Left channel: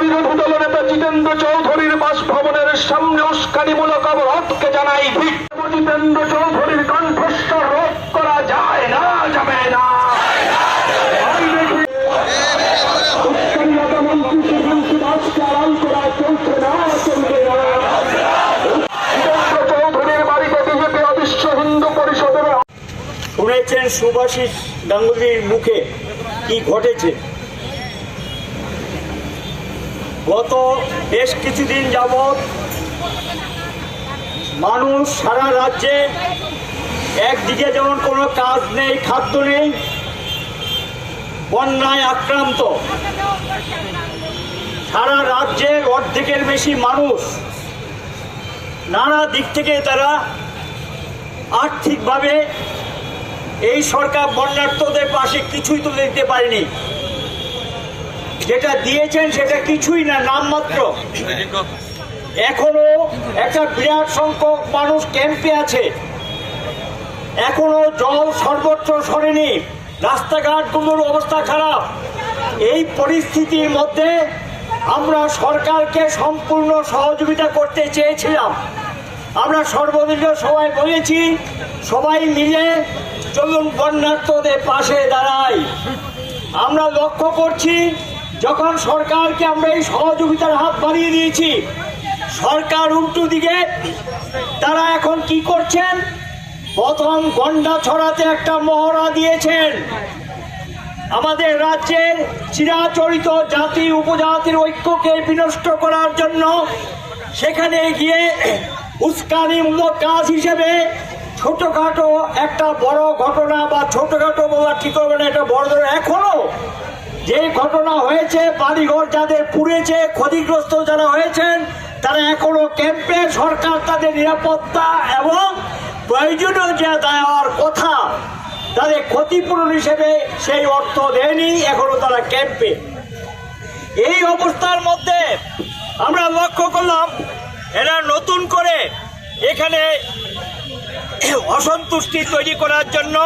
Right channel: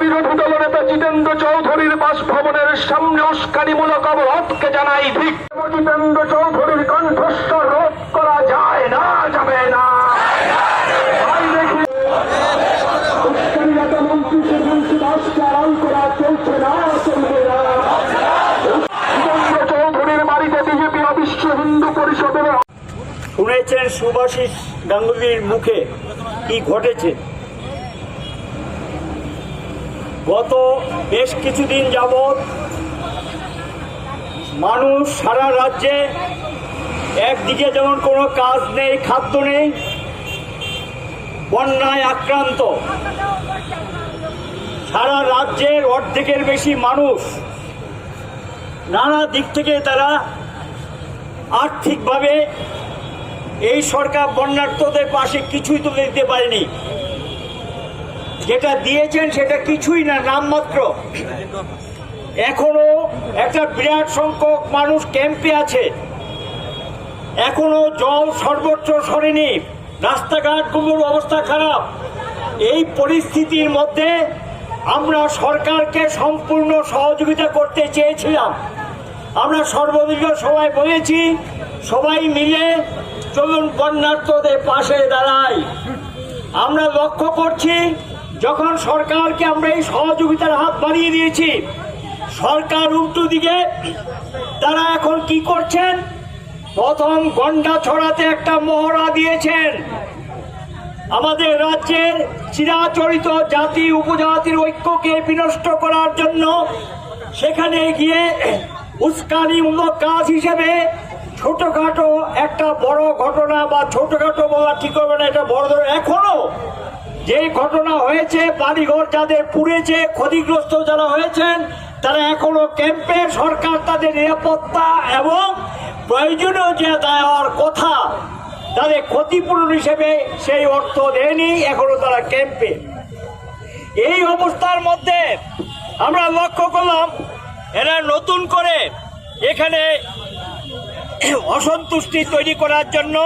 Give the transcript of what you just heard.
বিরোধী দলনেতা জিতেন্দ্র চৌধুরীর বাসভবনের সামনে উস্কানিমূলক অবরোধকে জানাই ধিক্কার। জিতেন্দ্র চৌধুরীর কণ্ঠস্বর রোধ করা যায় না, যাবে না। শুনেছেন শুভাশিস গাঙ্গুলির মুখে কি ঘটেছে। গত বেশ কিছুদিন যাবৎ মানুষ সারা রাজ্যে একদিকে যেমন কোনো কাজ নেই, খাদ্য নেই, বন্যায় আক্রান্ত, সারা রাজ্যের অর্ধেকের বেশি মানুষ নানা দিক থেকে তারা আর্থিকভাবে এই সরকার বন্যার্তদের পাশে কিছুই তুলে দিতে পারেনি। যেটা দিয়েছেন সেটা কিছুই না, নামমাত্র। এখনো একটা বিরাট সংখ্যক মানুষ ক্যাম্পে আছে, এখনো জল সর্বোচ্চ সরেনি, রাস্তাঘাটগুলোর অবস্থা খারাপ। এই পরিস্থিতির মধ্যে আমরা সরকারকে সম্পূর্ণ সহযোগিতা করতে চেয়েছিলাম। আমরা সর্বদলীয় সবাই বলেছি, সবাই মিলে চলুন বন্যার্তদের পাশে দাঁড়াই। আমরা লক্ষ্য করছি, যখন সরকারকে আমরা এই সহযোগিতার হাত বাড়িয়ে দিয়েছি, সরকার উল্টো দিকে তারা এখন কি করছেন, প্রথম গন্ডা ছড়াতে একটা মহড়া দিয়েছেন। আমাদের রাজ্যের চিরাচরিত জাতি উপজাতির ঐক্যকে বিনষ্ট করার জন্য সেখানে গিয়ে উস্কানিমূলক কাজ হিসেবে ছোটখাটো একটা বড় ঘটনা, বা ছোটখাটো বলা ঠিক হবে না, এটা বড় ধরনের এখনো যে ঘটনা হয়েছে, বাড়িঘর যাদের পুড়েছে, ক্ষতিগ্রস্ত যারা হয়েছেন, তারা এখনো ক্যাম্পে, সরকার তাদের নিরাপত্তা এবং প্রয়োজনীয় যে দেওয়ার কথা তাদের ক্ষতিপূরণ হিসেবে সেই অর্থ দেয়নি, এখনো তারা ক্যাম্পে। এই অবস্থার মধ্যে আমরা লক্ষ্য করলাম এরা নতুন করে এখানে অসন্তুষ্টি তৈরি করার জন্য